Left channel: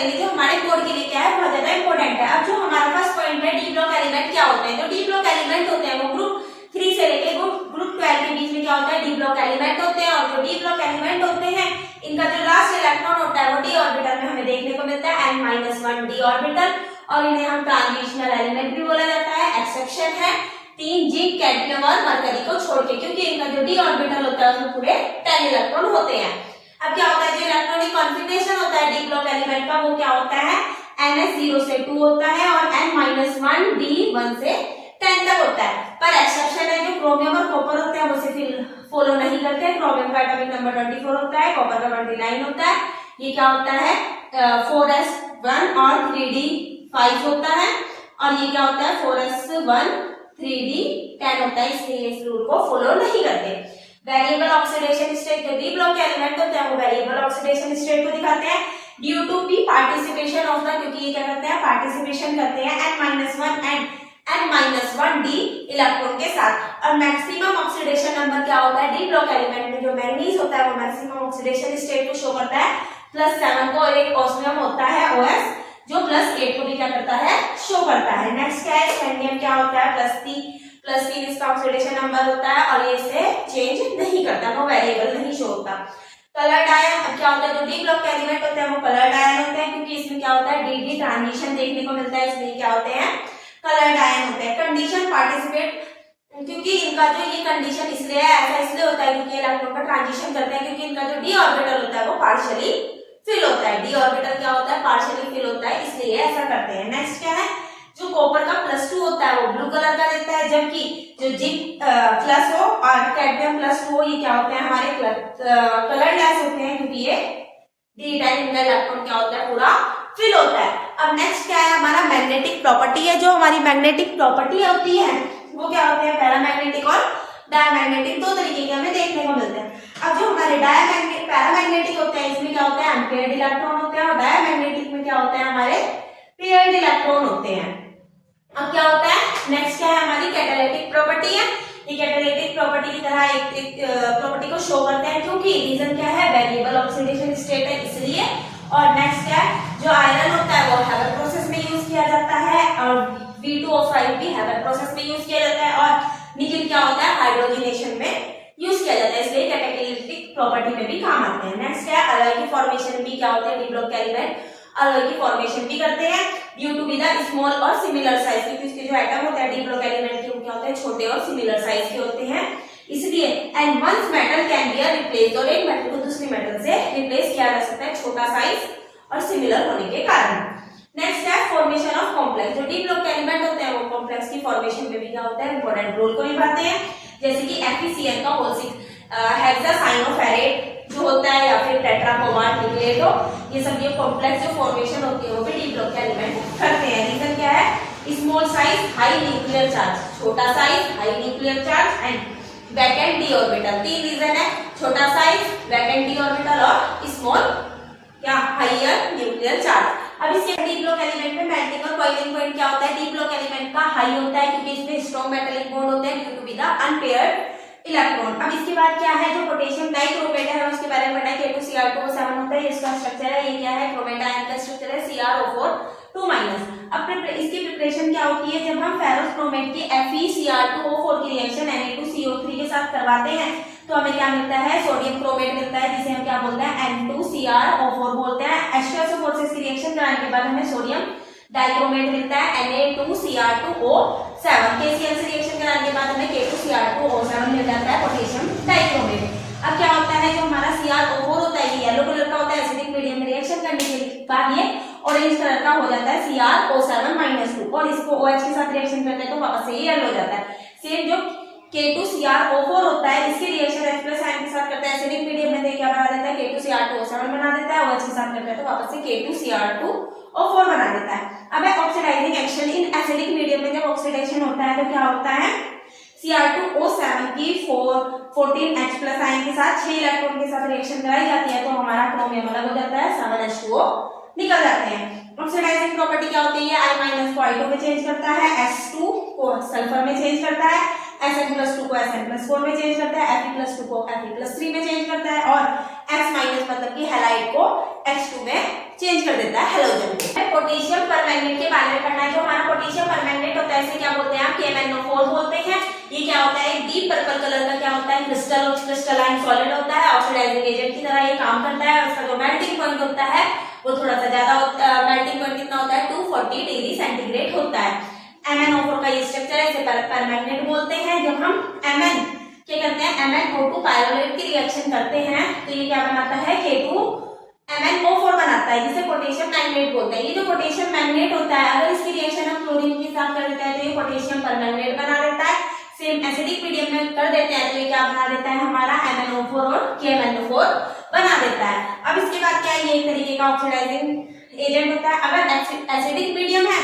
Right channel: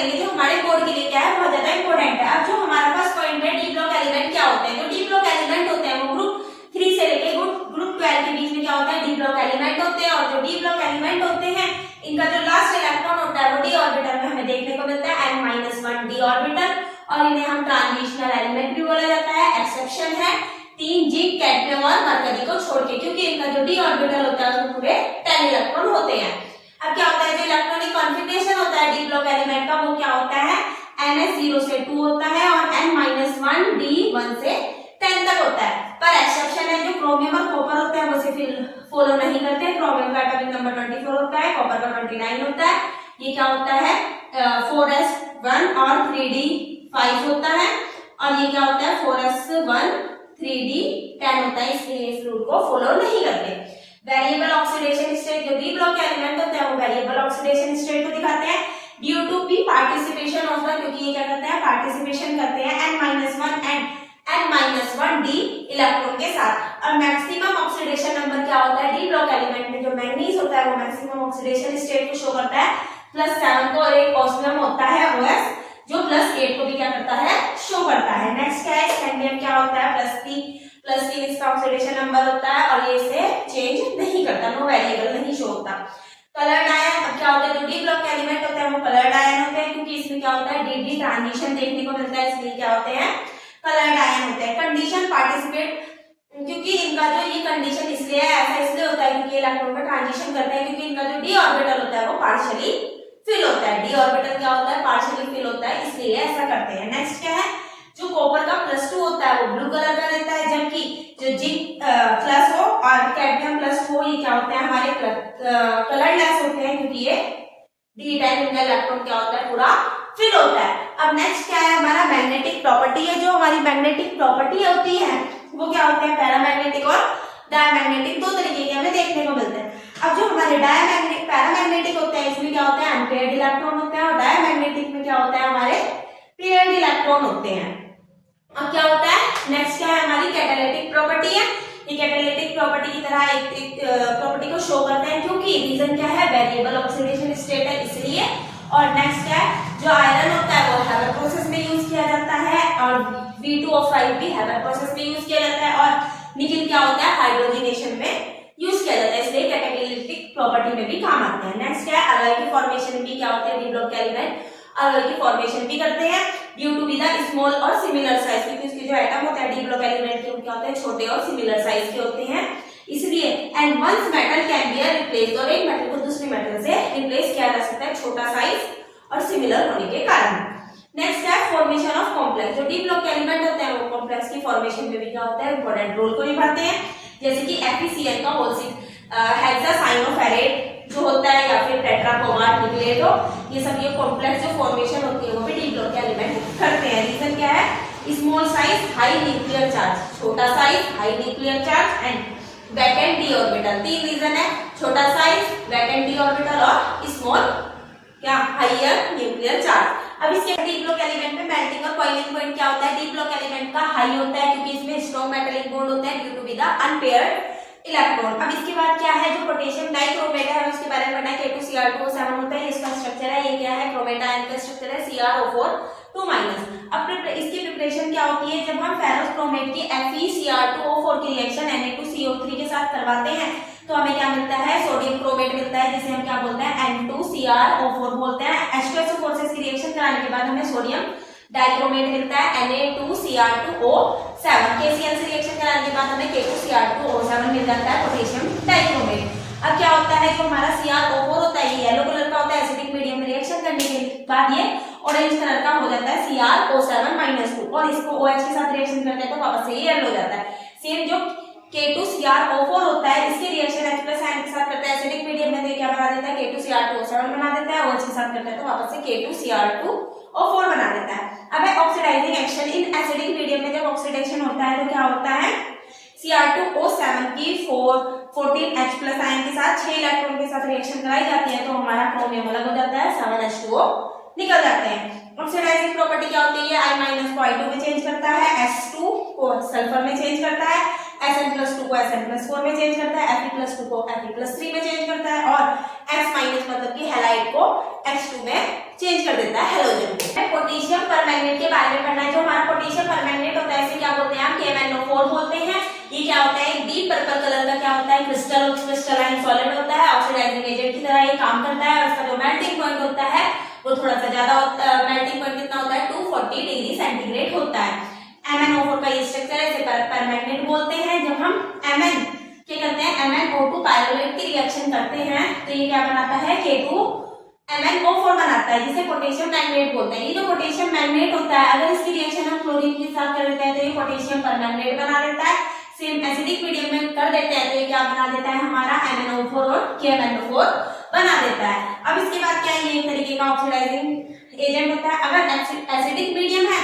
करेंगे जो हमारे कोड के लिए क्या है, बहुत ज्यादा इंपॉर्टेंट है। अब जो हमारा फर्स्ट पॉइंट है, डी ब्लॉक एलिमेंट क्या होते हैं। जो डी ब्लॉक एलिमेंट होते हैं वो ग्रुप 3 से लेके ग्रुप 12 के बीच में क्या होता है, डी ब्लॉक एलिमेंट होते हैं। और जो डी ब्लॉक एलिमेंट होते हैं इनका जो लास्ट इलेक्ट्रॉन होता है वो डी ऑर्बिटल में हमें देखने को मिलता है n-1 डी ऑर्बिटल, और इन्हें हम ट्रांजिशनल एलिमेंट भी बोला जाता है। एक्सेप्शन है 3 जिंक, कैडमियम और मरकरी को छोड़ के, क्योंकि इनका जो डी ऑर्बिटल होता है उसमें पूरे 10 इलेक्ट्रॉन होते हैं। अब क्या होता है, जो इलेक्ट्रॉनिक कॉन्फ़िगरेशन होता है डी ब्लॉक एलिमेंट का वो क्या होता है, ns 0 से 2 होता है और n-1 d 1 से 10 तक होता है। पर एक्सेप्शन है, जो क्रोमियम और कॉपर होता है वो सिर्फ फॉलो नहीं करते। क्रोमियम का एटॉमिक नंबर 24 होता है, कॉपर का 29 होता है। ये क्या होता है 4s1 और 3d5 होता है, और ये क्या होता है 4s1 3d10 होता है, इसलिए इस रूल को फॉलो नहीं करते। वेरिएबल ऑक्सीडेशन स्टेट, जो डी ब्लॉक के एलिमेंट होते हैं वो वेरिएबल ऑक्सीडेशन स्टेट को दिखाते हैं due to be participation of the, क्योंकि ये क्या करते हैं, पार्टिसिपेशन करते हैं n-1 and n-1 d electron के साथ। और मैक्सिमम ऑक्सीडेशन नंबर क्या होता है डी ब्लॉक एलिमेंट में, जो मैंगनीज होता है वो मैक्सिमम ऑक्सीडेशन स्टेट को शो करता है +7 को, और एक ऑस्मियम होता है OS जो +8 को भी क्या करता है, शो करता है। नेक्स्ट क्या है, स्कैंडियम क्या होता है +3 इसका ऑक्सीडेशन नंबर होता है और ये इसे चेंज नहीं करता, नो वेरिएबल नहीं शो होता। कलर्ड आयन, अब क्या होता है, जो डी ब्लॉक के एलिमेंट होते हैं वो कलर्ड आयन होते हैं, क्योंकि इसमें क्या होता है डी ट्रांजिशन देखने को मिलता है, इसलिए क्या होते हैं, कलर्ड आयन होते हैं। कंडीशन पार्टिसिपेट, क्योंकि इनका जो ये कंडीशन इसलिए है, ऐसा इसलिए होता है क्योंकि इलेक्ट्रॉन का ट्रांजिशन करते हैं, क्योंकि इनका जो डी ऑर्बिटल होता है वो पार्शियली फिल होता है। डी ऑर्बिटल क्या होता है, पार्शियली फिल होता है, इसलिए ऐसा करते हैं। नेक्स्ट क्या है, जो कॉपर का +2 होता है वो ब्लू कलर का रहता है, जबकि जो जिंक प्लस हो और कैडमियम प्लस हो ये क्या होते हैं, हमारे कलरलेस होते हैं, क्योंकि ये D10 इनका इलेक्ट्रॉन क्या होता है, पूरा फिल होता है। अब नेक्स्ट क्या है, हमारा मैग्नेटिक प्रॉपर्टी है। जो हमारी मैग्नेटिक प्रॉपर्टी होती है वो क्या होते हैं, पैरामैग्नेटिक और डायमैग्नेटिक, दो तरीके के हमें देखने को मिलते हैं। अब जो हमारे पैरामैग्नेटिक होते हैं इसमें क्या होता है, अनपेयर्ड इलेक्ट्रॉन होते हैं, और डायमैग्नेटिक में क्या होता है, हमारे पेयर्ड इलेक्ट्रॉन होते हैं। अब क्या होता है, नेक्स्ट क्या है, हमारी कैटालिटिक प्रॉपर्टी है। ये कैटालिटिक प्रॉपर्टी की तरह एक प्रॉपर्टी को शो करते हैं, क्योंकि रीजन क्या है, वेरिएबल ऑक्सीडेशन स्टेट है इसलिए। और नेक्स्ट क्या है, जो आयरन होता है वो हैबर प्रोसेस में यूज किया जाता है, और V2O5 भी हैबर प्रोसेस में यूज किया जाता है, और निकिल क्या होता है, हाइड्रोजनेशन में यूज किया जाता है, इसलिए कैटालिटिक प्रॉपर्टी में भी काम आते हैं। नेक्स्ट क्या है, अलॉय की फॉर्मेशन भी क्या होते हैं, डी ब्लॉक के एलिमेंट अलॉय की फॉर्मेशन भी करते हैं due to be the small और सिमिलर साइज, क्योंकि उसके जो एटम होता है डी ब्लॉक एलिमेंट के वो क्या होते हैं, छोटे और सिमिलर साइज के होते हैं, इसलिए। And once metal can be replace, और एक मेटल को दूसरी मेटल से रिप्लेस किया जा सकता है छोटा साइज और सिमिलर होने के कारण। नेक्स्ट है फॉर्मेशन ऑफ कॉम्प्लेक्स। जो डी ब्लॉक के एलिमेंट होते हैं वो कॉम्प्लेक्स की फॉर्मेशन में भी क्या होता है, इंपॉर्टेंट रोल को निभाते हैं, जैसे कि FeCl का होल 6 हेक्सासाइनोफेरेट जो होता है, या फिर टेट्राब्रोमाइड न्यूक्लिएट हो, ये सब ये कॉम्प्लेक्स जो फॉर्मेशन होती है वो भी डी ब्लॉक के एलिमेंट करते हैं। रीजन क्या है, small size high nuclear charge, छोटा size high nuclear charge and vacant d orbital. 3 reason है, छोटा साइज, वैकेंट डी ऑर्बिटल और स्मॉल क्या, हाईयर न्यूक्लियर चार्ज। अब इसके डी ब्लॉक एलिमेंट में मेल्टिंग और बॉइलिंग पॉइंट क्या होता है, डी ब्लॉक एलिमेंट का हाई होता है, क्योंकि इसमें स्ट्रॉन्ग मेटालिक बॉन्ड होते हैं due to be the unpaired electron. अब इसके बाद क्या है, जो पोटेशियम डाइक्रोमेट है उसके बारे में पढ़ना है, K2Cr2O7 होता है, इसका स्ट्रक्चर है, ये क्या है, क्रोमेट आयन का स्ट्रक्चर है, CrO4 अब इसकी प्रिपरेशन क्या होती है, जब हम फेरस क्रोमेट की FeCr2O4 की रिएक्शन Na2CO3 के साथ करवाते हैं तो हमें क्या मिलता है, सोडियम क्रोमेट मिलता है, जिसे हम क्या बोलते हैं, N2Cr O4 बोलते हैं। H2SO4 से इसकी रिएक्शन कराने के बाद हमें सोडियम डाइक्रोमेट मिलता है, Na2Cr2O7। KCl से रिएक्शन कराने के बाद हमें K2Cr2O7 मिल जाता है, पोटेशियम डाइक्रोमेट। अब क्या होता है, जो हमारा CrO4 होता है ये येलो कलर का होता है, एसिडिक मीडियम में रिएक्शन करने के बाद ये ऑरेंज कलर का हो जाता है, CrO7-2, और इसको OH के साथ रिएक्शन करते हैं तो वापस से ये येलो हो जाता है। सेम जो K2Cr O4 होता है, इसके रिएक्शन H+ आयन के साथ करता है, एसिडिक मीडियम में क्या बना देता है, K2Cr2O7 बना देता है, OH के साथ करता है तो वापस से K2Cr2O4 बना देता है। अब है oxidising action in acidic medium में, जब ऑक्सीडेशन होता है तो क्या होता है, Cr2O7 की 14H+ आयन के साथ 6 इलेक्ट्रॉन के साथ रिएक्शन कराई जाती है तो हमारा क्रोमियम अलग हो जाता है, 7H2O निकल जाते हैं। ऑक्सीडाइजिंग प्रॉपर्टी क्या होती है, I- को I2 में चेंज करता है, S2 को सल्फर में चेंज करता है, Sn+2 को Sn+4 में चेंज करता है, Fe+2 को Fe+3 में चेंज करता है और X- मतलब कि हैलाइड को X2 में चेंज कर देता है हैलोजन को। पोटेशियम परमैंगनेट के बारे में पढ़ना है। जो हमारा पोटेशियम परमैंगनेट होता है इसे क्या बोलते हैं, हम KMnO4 बोलते हैं। ये क्या होता है, डीप पर्पल कलर का क्या होता है, क्रिस्टलाइन सॉलिड होता है, ऑक्सीडाइजिंग एजेंट की तरह ये काम करता है। उसका जो मेल्टिंग पॉइंट होता है वो थोड़ा सा ज्यादा होता है, मेल्टिंग पॉइंट कितना होता है 240 डिग्री सेंटीग्रेड होता है। MnO4 का ये स्ट्रक्चर है, इसे परमैंगनेट बोलते हैं। जब हम Mn क्या करते हैं, MnO2 पायरोलेट की रिएक्शन करते हैं तो ये क्या बनाता है, K2MnO4 बनाता है, जिसे पोटेशियम मैग्नेट बोलते हैं। ये जो पोटेशियम मैग्नेट होता है अगर इसकी रिएक्शन हम क्लोरीन के साथ कर देते हैं तो ये पोटेशियम परमैंगनेट बना देता है। सेम एसिडिक मीडियम में कर देते हैं तो ये क्या बना देता है, हमारा MnO4 और KMnO4 बना देता है। अब इसके बाद क्या, ये एक तरीके का ऑक्सीडाइजिंग एजेंट होता है। अगर एसिडिक मीडियम है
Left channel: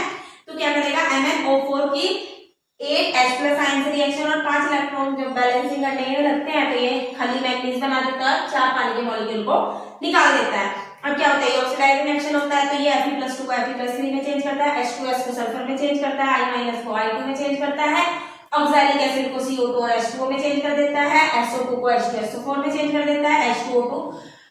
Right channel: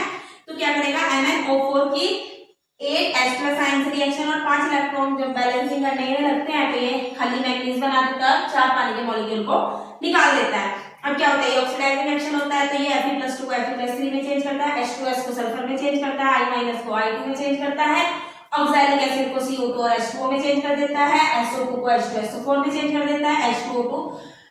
तो क्या करेगा, MnO4 की 8 H+ आयन से रिएक्शन और 5 इलेक्ट्रॉन जब बैलेंसिंग करने में लगते हैं तो ये खाली मैग्नीज बना देता है, 4 पानी के मॉलिक्यूल को निकाल देता है। अब क्या होता है, ये ऑक्सीडाइजिंग एक्शन होता है तो ये Fe+2 को Fe+3 में चेंज करता है, H2S को सल्फर में चेंज करता है, I- को I2 में चेंज करता है, ऑक्सैलिक एसिड को CO2 और H2O में चेंज कर देता है, SO2 को H2SO4 में चेंज कर देता है, H2O2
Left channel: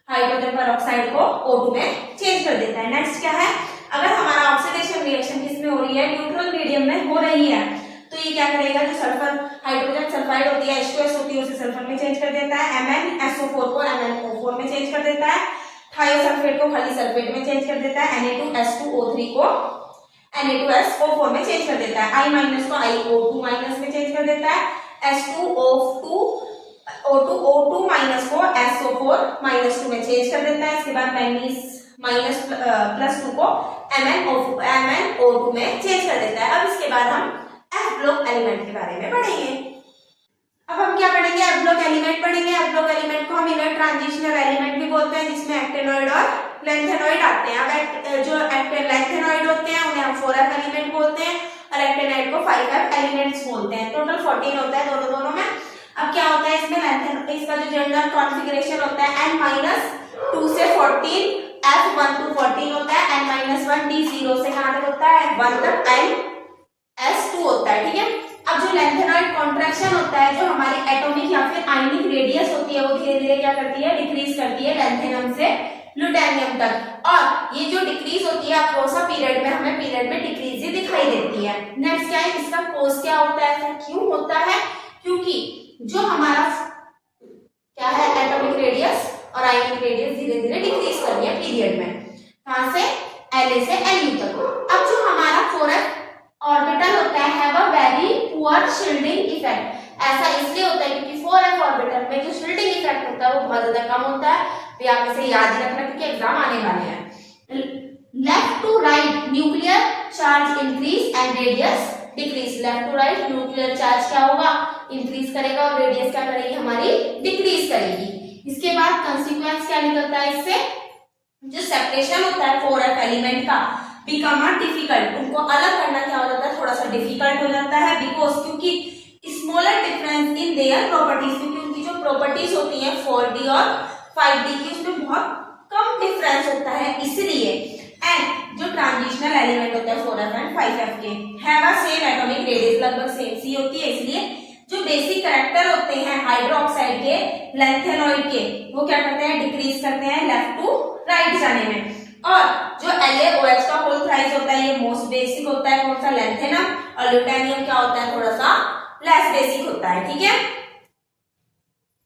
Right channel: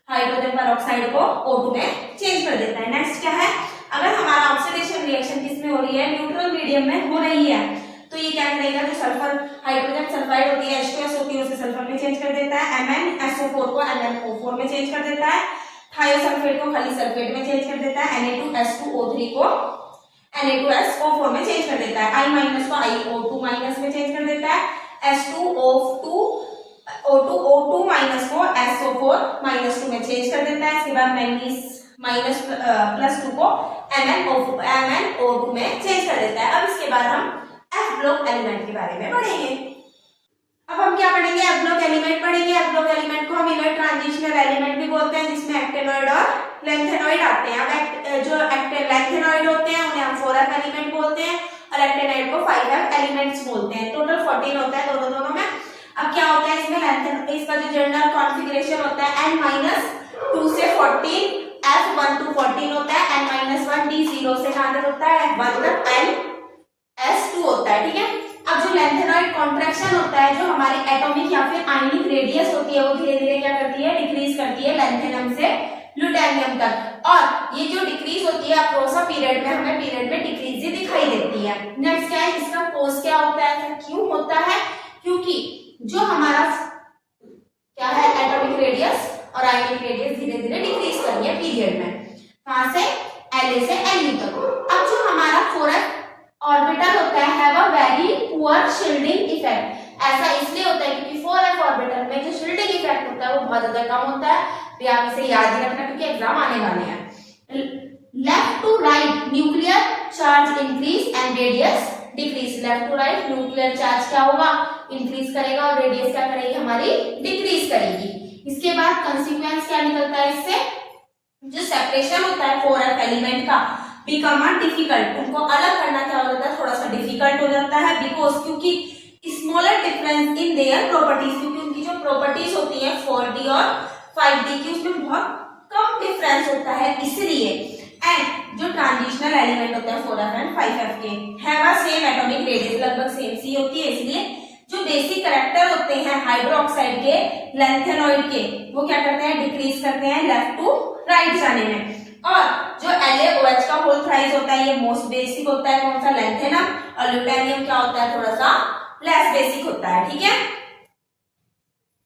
हाइड्रोजन पेरोक्साइड को O2 में चेंज कर देता है। नेक्स्ट क्या है, अगर हमारा ऑक्सीडेशन रिएक्शन किसमें हो रही है, न्यूट्रल मीडियम में हो रही है तो ये क्या करेगा, जो सल्फर हाइड्रोजन सल्फाइड होती है H2S होती है उसे सल्फर में चेंज कर देता है, MnSO4 को MnO4 में चेंज कर देता है, थायोसल्फेट को खाली सल्फेट में चेंज कर देता है, Na2S2O3 को Na2SO4 में चेंज कर देता है, I- को IO2- में चेंज कर देता है, H2O2 O2 को SO4-2 में चेंज कर देता है। इसके बाद मैंगनीज -+2 को MnO2 में चेंज कर देता है। अब इसके बाद हम F ब्लॉक एलिमेंट के बारे में पढ़ेंगे। अब हम क्या पढ़ेंगे, F ब्लॉक एलिमेंट पढ़ेंगे। F ब्लॉक एलिमेंट को हम इनर ट्रांजिशनल एलिमेंट भी बोलते हैं, जिसमें एक्टेनॉइड और लेंथेनॉइड आते हैं। अब जो लेंथेनॉइड होते हैं उन्हें हम 4F एलिमेंट बोलते हैं और एक्टेनॉइड को 5F एलिमेंट्स बोलते हैं। टोटल 14 होता है दोनों में। अब क्या होता है इसमें, इसका जो जनरल कॉन्फ़िगरेशन होता है N-2 से 14, F1 to 14 होता है, N-1 D0 से कहां तक होता है 1 तक N-S2 होता है, ठीक है। अब जो लेंथेनॉइड कॉन्ट्रैक्शन होता है, जो हमारी एटॉमिक या फिर आयनिक रेडियस होती है वो धीरे धीरे क्या करती है, डिक्रीज करती है लेंथेनियम से ल्यूटेनियम तक। और ये जो डिक्रीज होती है अक्रॉस अ पीरियड में, हमें पीरियड में डिक्रीज ही दिखाई देती है। नेक्स्ट क्या है, इसका कोज क्या होता है, क्यों होता है, क्योंकि जो हमारा क्या है एटॉमिक रेडियस और आयनिक रेडियस धीरे धीरे डिक्रीज कर रही है पीरियड में, कहां से La से Lu तक। अब जो हमारा 4f ऑर्बिटल होता है have a very poor shielding effect. ऐसा इसलिए होता है क्योंकि 4f ऑर्बिटल में जो शील्डिंग इफेक्ट होता है वो बहुत ज्यादा कम होता है। तो आप इसे याद ही रखना क्योंकि एग्जाम आने वाले हैं। Left to right nuclear charge increase and radius decrease. Left to right nuclear charge क्या होगा, इंक्रीज करेगा और रेडियस क्या करेगी, हमारी डिक्रीज करेगी। इसके बाद कंसीक्वेंस क्या निकलता है इससे, जो सेपरेशन होता है 4f एलिमेंट का बिकम डिफिकल्ट, उनको अलग करना क्या हो जाता है, थोड़ा सा डिफिकल्ट हो जाता है। बिकॉज क्योंकि smaller difference in their properties, क्योंकि उनकी जो प्रॉपर्टीज होती है 4d और 5d की उसमें बहुत कम डिफरेंस होता है, इसलिए। एंड जो ट्रांजिशनल एलिमेंट होता है 4f एंड 5f के have a same atomic radius, लगभग सेम सी होती है, इसलिए जो बेसिक कैरेक्टर होते हैं हाइड्रोक्साइड के लेंथेनॉइड के वो क्या करते हैं, डिक्रीज करते हैं लेफ्ट टू राइट जाने में। और जो LaOH का होल थ्राइस होता है ये मोस्ट बेसिक होता है, कौन सा, लेंथेनम, और ल्यूटेनियम क्या होता है, थोड़ा सा लेस बेसिक होता है, ठीक है।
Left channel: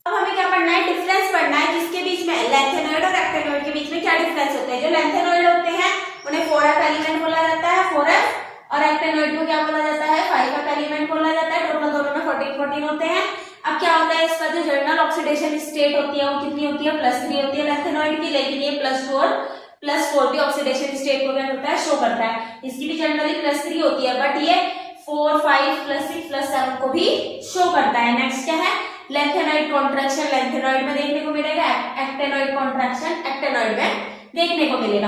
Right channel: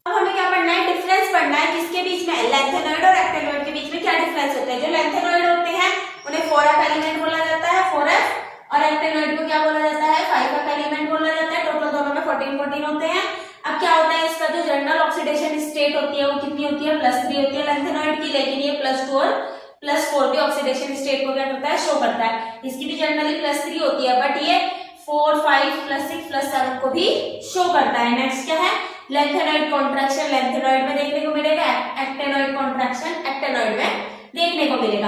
अब हमें क्या पढ़ना है, डिफरेंस पढ़ना है किसके बीच में, लेंथेनॉइड और एक्टेनॉइड के बीच में क्या डिफरेंस होता है। जो लेंथेनॉइड होते हैं उन्हें 4f एलिमेंट बोला जाता है 4f, और एक्टेनॉइड को क्या बोला जाता है 5f एलिमेंट बोला जाता है। टोटल दोनों में 14 होते हैं। अब क्या होता है, इसका जो जनरल ऑक्सीडेशन स्टेट होती है वो कितनी होती है, +3 होती है लेंथेनॉइड की, लेकिन ये +2 और +4 भी ऑक्सीडेशन स्टेट को क्या करता है, शो करता है। इसकी भी जनरली +3 होती है, बट ये 4, 5, +6, +7 को भी शो करता है। नेक्स्ट क्या है, लेंथेनॉइड कॉन्ट्रैक्शन लेंथेनॉइड में देखने को मिलेगा, एक्टेनॉइड कॉन्ट्रैक्शन एक्टेनॉइड में देखने को मिलेगा।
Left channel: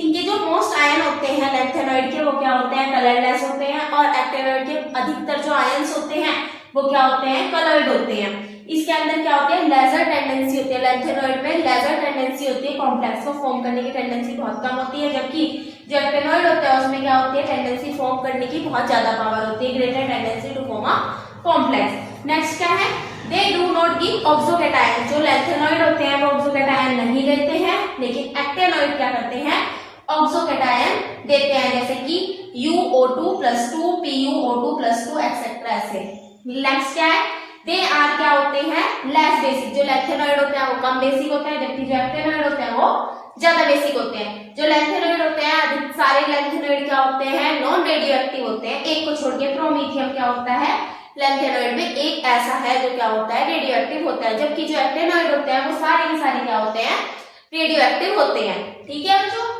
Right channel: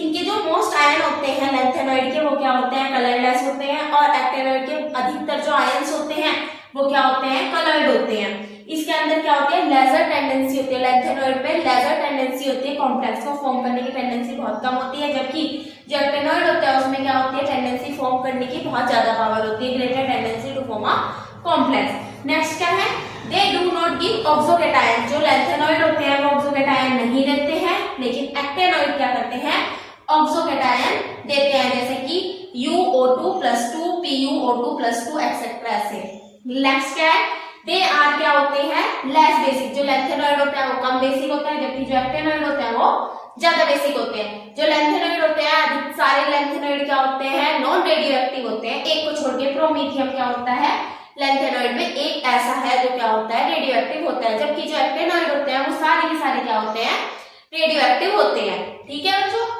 इनके जो मोस्ट आयन होते हैं लेंथेनॉइड के वो क्या होते हैं, कलरलेस होते हैं, और एक्टेनॉइड के अधिकतर जो आयन्स होते हैं वो क्या होते हैं, कलर्ड होते हैं। इसके अंदर क्या होती है, लेजर टेंडेंसी होती है, लेंथेनॉइड में लेजर टेंडेंसी होती है, कॉम्प्लेक्स को फॉर्म करने की टेंडेंसी बहुत कम होती है, जबकि जो एक्टेनॉइड होता है उसमें क्या होती है, टेंडेंसी फॉर्म करने की बहुत ज्यादा पावर होती है, greater tendency to form a complex. Next क्या है, they do not give oxocation. जो लैंथेनॉइड होते हैं वो ऑक्सोकेटायन नहीं देते हैं, लेकिन एक्टेनॉइड क्या करते हैं, ऑक्सोकेटायन देते हैं, जैसे कि UO2 + 2, PuO2 + 2 एक्सेट्रा ऐसे। नेक्स्ट क्या है, दे आर क्या होते हैं, लेस बेसिक। जो लैंथेनॉइड होते हैं वो कम बेसिक होता है, जबकि जो एक्टेनॉइड होते हैं वो ज्यादा बेसिक होते हैं। जो लैंथेनॉइड होते हैं, अधिक सारे लैंथेनॉइड क्या होते हैं, नॉन रेडियो एक्टिव होते हैं, एक को छोड़ के। प्रोमीथियम क्या होता है, लैंथेनॉइड में एक ऐसा है जो क्या होता है, रेडियो एक्टिव होता है, जबकि जो एक्टेनॉइड होते हैं वो सारे के सारे क्या होते हैं, रेडियो एक्टिव होते हैं। ठीक है बच्चों।